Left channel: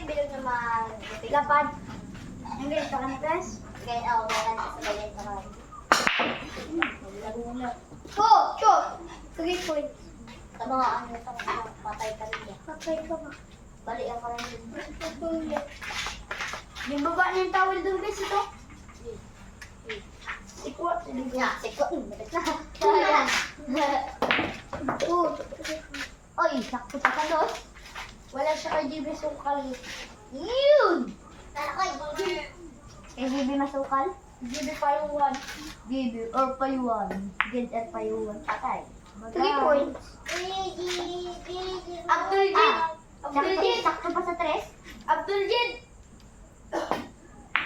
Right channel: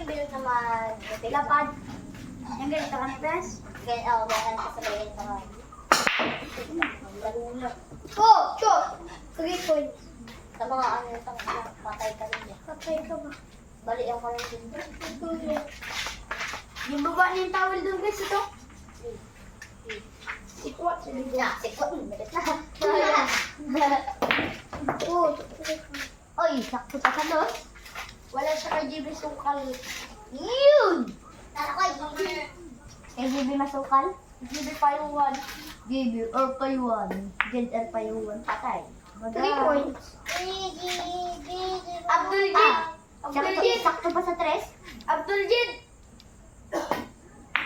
yung bilog na mag-lapad. Lapad. Yung ganito ka na, Bes? Oo, ganyan ka sa ganyan ka. Go! 3 points. Sa mga ano, patay ka rin yan. Patay ka ba? Bali ako rin din. Yung baba niya yung towel doon, guys, ito. Sikwat. Siko. Oy, sakto pa ka doon. Wala siya kay JB sukal. Yun! Sana ko, Kay JB masukal? JB Payuan. JB or Payuan. Jed or Payuan. Patay. 3 points. Abdul Jid. Abdul Jid. Sakto pa sa 3. Abdul Jid.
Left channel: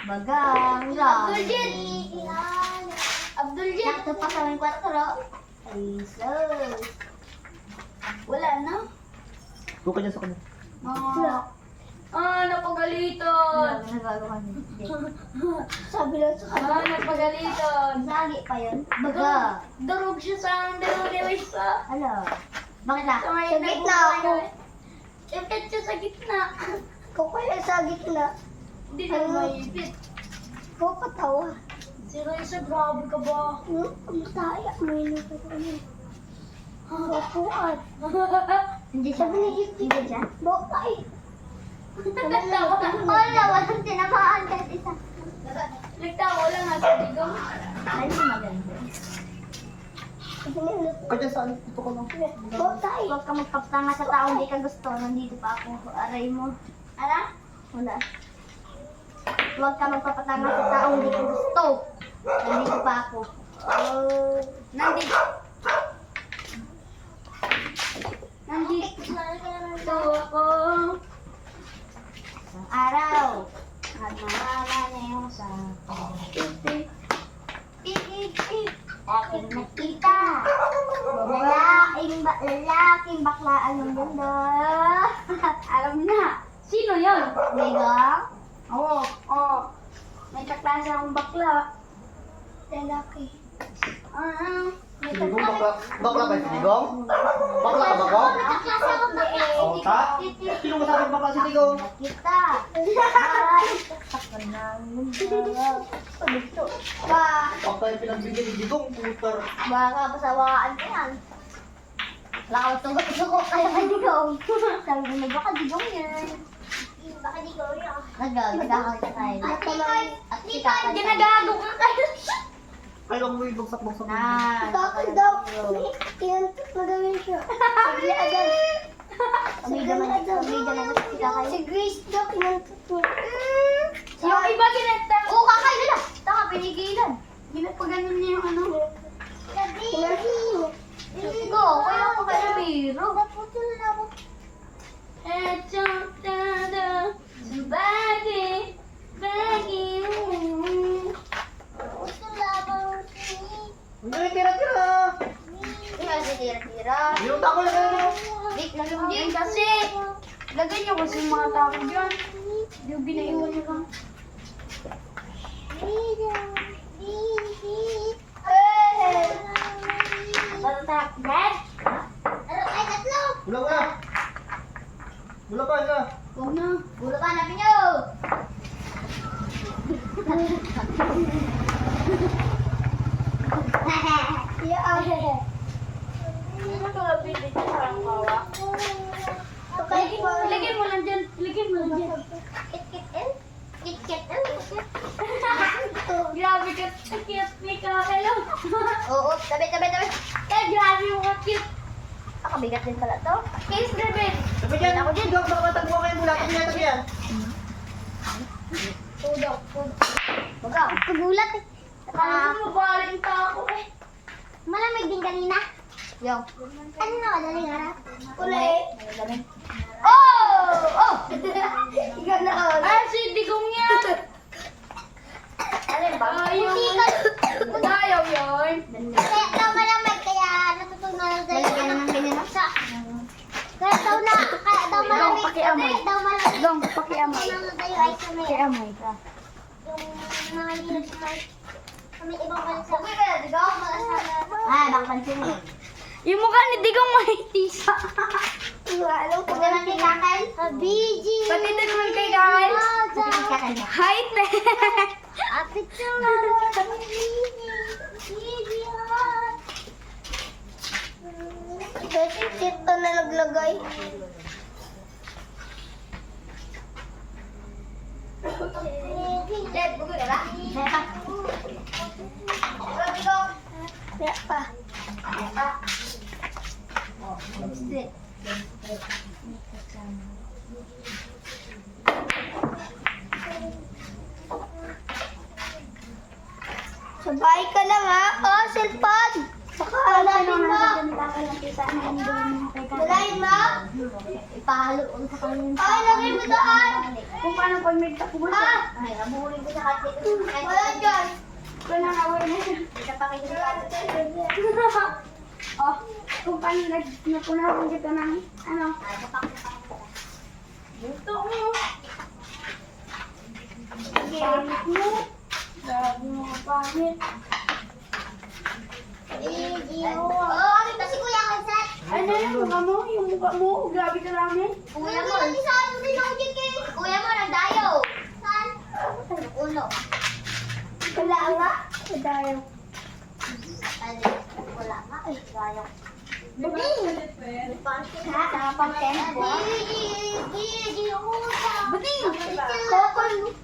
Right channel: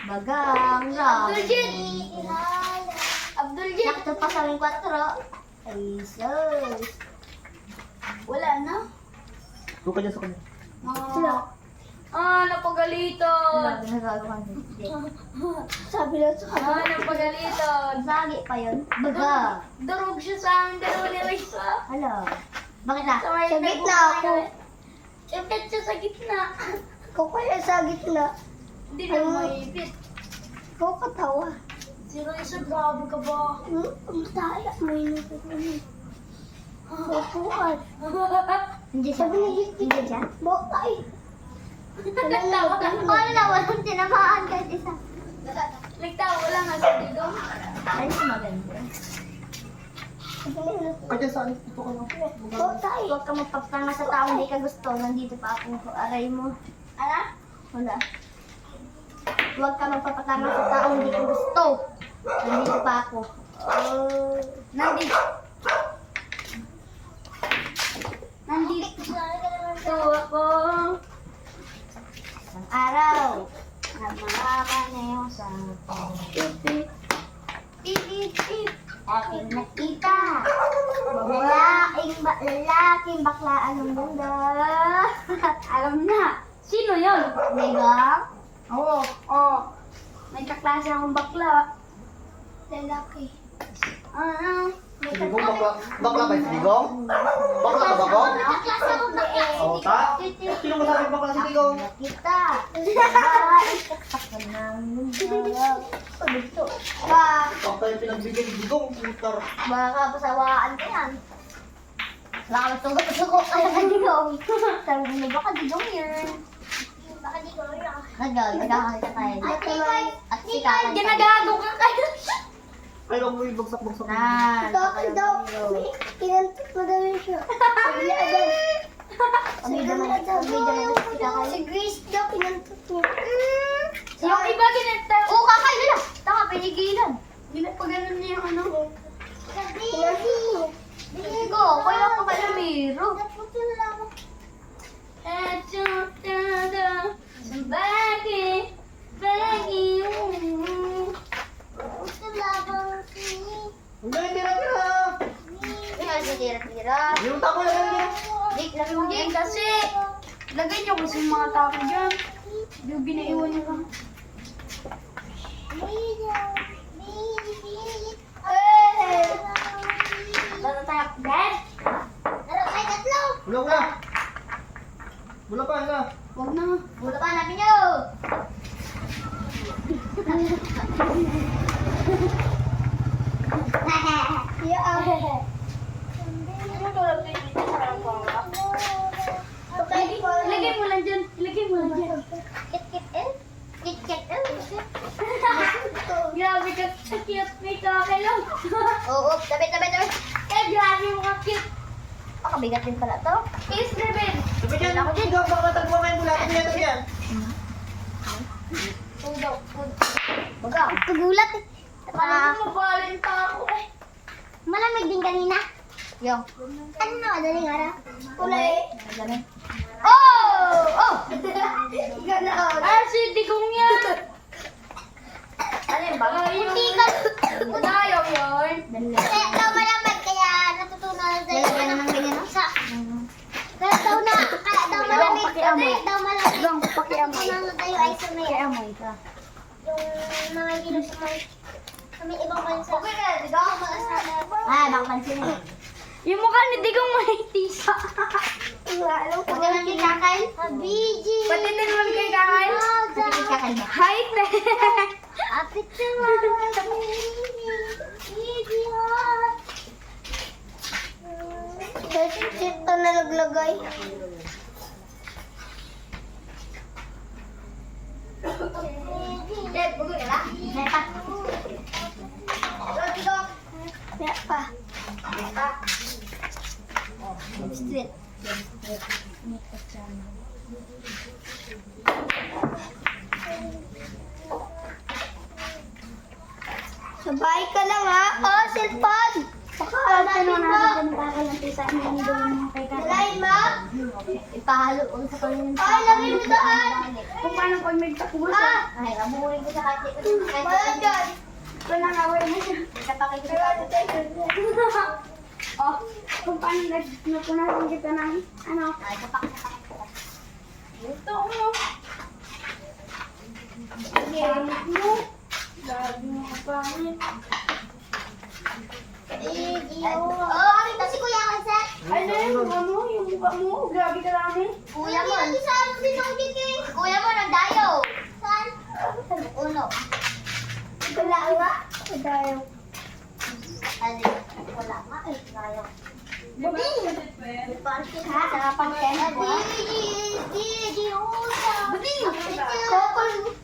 Bagang Abdul Jid. Abdul Jid. Sakto pa sa 4. Jesus. Wala na. Suka niya sa kanya. Napagalitan. Sabi lang sa kanya. Napagalitan. Sagi pa yun. Baga. Durog siya sa amin, dalawa ni Oisa. Hala. Bakit na? Sa gitna ako. Ipit siya sa gitna. Kung kaya sa gitna. Hindi na maipit. Kung katawa. Si Roysa, grabe ka ba? Masaya. May nito ko niya. Bukuan. Hindi siya. Hindi siya. Bukay. walang tinamaan kahit isa. Nagtawa lang nga sa digong. Ay, maganda. Kaya saan? Ito ko lang. Bukay. Huwag ka magkaptanga sa tao hindi ka gusto. Nandito pa ako. Aray mo. Ala? Wala. Huwag ka magpapatanga sa tao hindi ka gusto. Nandito pa ako. Nandito. Nandito ako. Isang araw. Nagmamama na yung sa pip. Aking nakita. Lalaking baklaan ng ganda. Alam na. Sino yun? Diba? Oo. May kaklase akong bakla. Lalaki. Si Digong bakla. Bakla ba si Digong? Bakla ka ba ko? Nakaklase ako bakla. O, ta? Sino mo sabi bakla si Digong? Nakita. Okay, pinagbigyan ni Digong. Putar. Baka pasawaan ka yan. Wala ka gusto ko kaya ka digong. Sabi mo baka digong yan. Baka di ko rin ako. Nagkakakita tayo. At si kakay. Ginagago ka kayo. Ay, lang mo yung bagsak-bagsak. Bakit daw? Kinantot mo daw yun siya. Sabi agad. Si Grace daw kinantot mo. Yung iba ginantot. Oo, kakay nila. Tama, pinigilan. Ginapaganon niya yung ano. Sabi. Go, kaya ko ba na biro? Naputo na ako. Somebody begging. Puto labang Hindi, tira-tira. Hindi kasi tira-tira. Yung tako lang yun. Dik, lagay mo dyan kasi. Lagay niyo kasi yung mga tao dyan. Yung binaiwan niyo lang. Hey! Bato tayo, Brad? Wala. Wala pa, isa. Huwag na. Ulo ka, hanapin niyo. Yeah. Lagay mo lang dyan. Lagay mo lang dyan. Kit-kit. Grabe ka. Cute ni ka. Hello. Oo, tabi. Grabe mo ka cute. Ako, bigat din pala to. Kiss, Rebel. Sabi dyan, ako dyan. Baka matagwa mo yung bulato niya ito dyan. Pudaw. Baga, tugulat eh. Alam mo, mabalin pa ako eh. Malamig din kanina. Yo. Ano na, madaling araw? Kulay. Oh! Ikaw na ako. Si Digong yan. Ano ba? Hindi ka. Dayaw yun. Kaya daw malamig, kaya natutunan na tayo. Lalagyan ng ganyan, no? Kaya daw malamig. Pakiamoy. Kaya daw malamig. Dong, pakiamoy. Natutunan na tayo ay sa may, Pakiamoy ka. yung mga hilo sa may ibang bansa. Okay ka, Digong. Bang pansin mo. Yung mukha ni Digong may tisa. Alam ko ba ng tinakay? Biji. Pati din naman kay Height na. Picture. Sip ka na naglagay. Dad, bugod ka na? Ya pa. Straight. Sabay ka na nga. Oh, cellphone. Baka hanapin mo. Dalayin mo. Ipahalo ko sa kanya. Ay, lagay mo doon. Kung paano pag may takbo Ha? Ay, amurin ko sa kati. Wala dyan. Ito na nga, wala mo siya. Oh, kung paano napunasan kita ng ano? Ito mo. Pangit mo. Lagi mo pangit. Oh, kasi kuya ka sa. Ano yung mukha mo? Yung mukha mo? Grabe ka lang eh. Kuya mo. Lagi sa ano din ang kiki. Kuya mo, nagdayo. Saan? Uno. Wala nga. Padayo. Wala nga. Ay, dayo. Buding! Pangkin ha? Sa pang-tempo. Buding!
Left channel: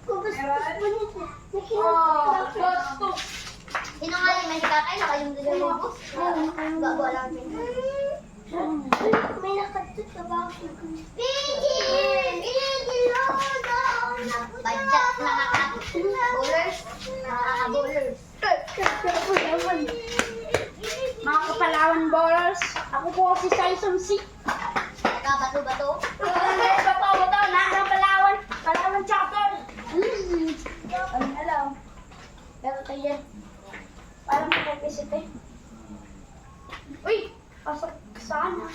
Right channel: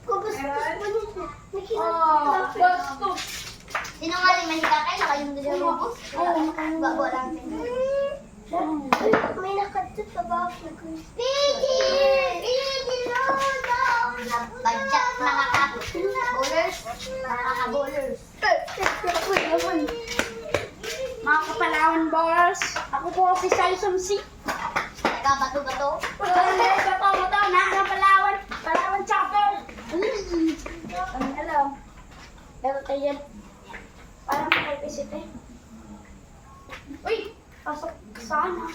Kubus po niya. Oh, basto. Sinungaling man si kakay, naka yung dalawang bus. Bago lang din. May nakatut ka ba ako? Pidgey! Badyak mga ka-bowlers. Mga kapalawan ballers. Ako po si Saison C. Nagkabato-bato. Bato-bato na ng Palawan. Palawan chapter. Hello. Pero tayo. Parang makaipisit eh. Uy! Pasok sana.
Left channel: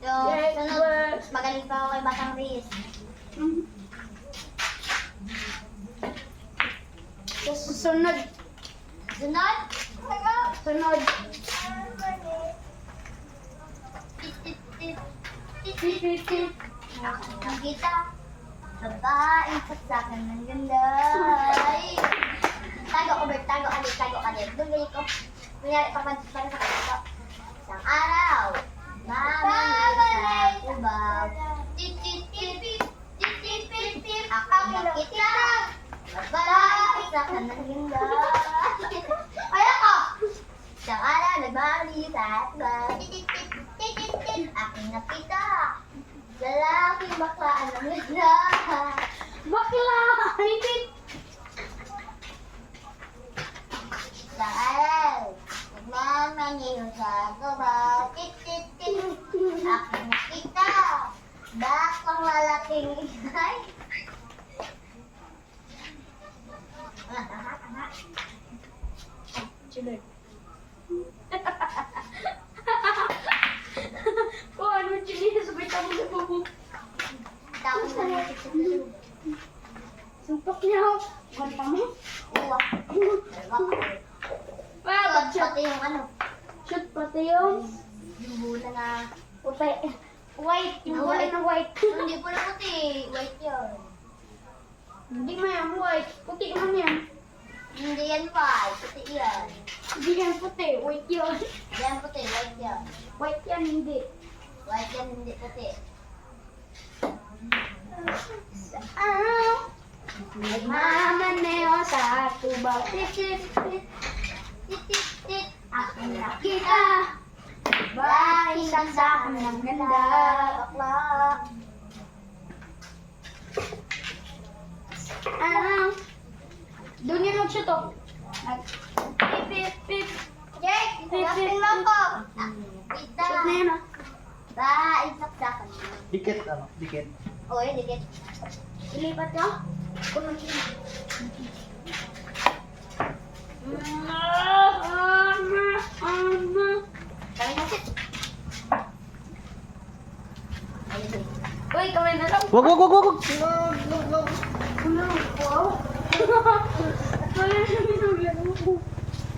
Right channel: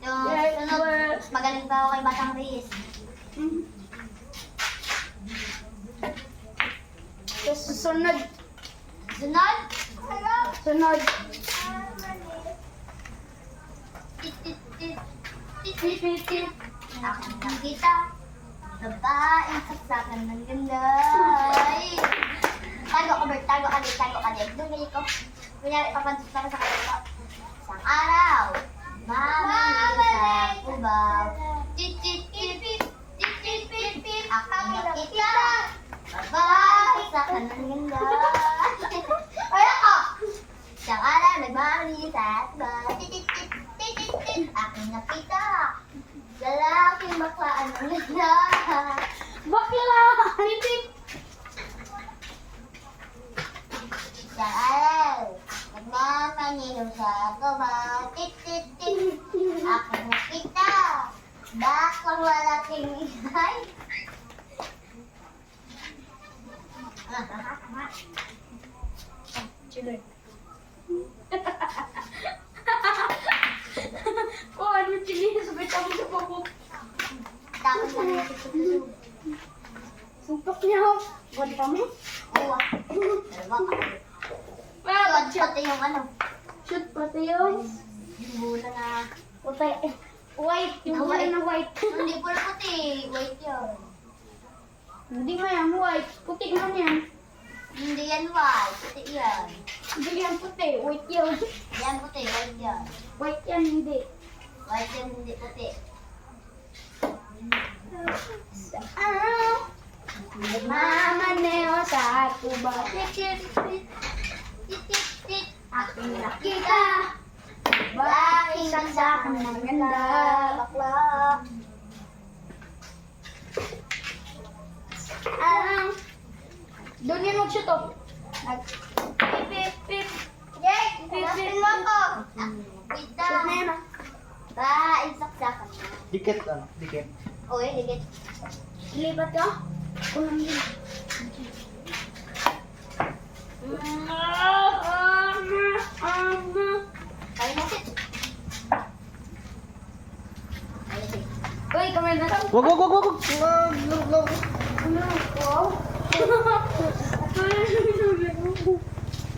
Sunod, magaling pa ako kay Batang Riz. Tapos sunod. Sunod? Sunod. Titit. Nakita. Babae sa akin ng ganda. Ay. Tago ko, Bert. Tago ka din. Doon ganyan ko. Kunyari, papansin ka sa kanila. Isang araw. Mama sa kubaw. Tit. Akang nakita. Babae sa akin ng ganda. Ay, ako. Isang araw, nagmamali sa kubaw. Tit. Aking nakita. Lalaking baklaan ng ganda. Bakla! Titit. Isang araw, nagmamaniyo sa gawa. Tit. Aking nakita. Baklang lalaking inay. Chilay. Oh, ano chili? Sabay ka mo sa bubong. Tapos na natin sa tulog. Suntok niya ako. Wala ka mo? Uwa. Pati yung ano. Shoot pati yung Yung bula na. puti. White. Yung kulay na white. Hindi po na puti. White yun. Hindi mo yan white. Puti man yan. Hindi yan white. Puti yan. Hindi yan puti. White yan. Yan puti. White yan. White yan hindi. White yan hindi puti. Nagmamaneo sa tuba. Tit. Aking nakita. Bakit sa akin ng ganda. Bakla. Doon yan mag-shoot oh. Pip. Jake, hanapin mo ko. Kita. Shoot na yan ah. Saksakan mo. Dikit, ano? Dikit. Uy, dikit. Ilipat ka. Kung naman yun. Kaya na sit. Uy, kamay na lang. Wag.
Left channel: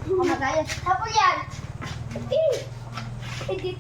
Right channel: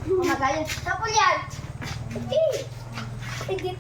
Kumagaya. Tapos yan. Sige.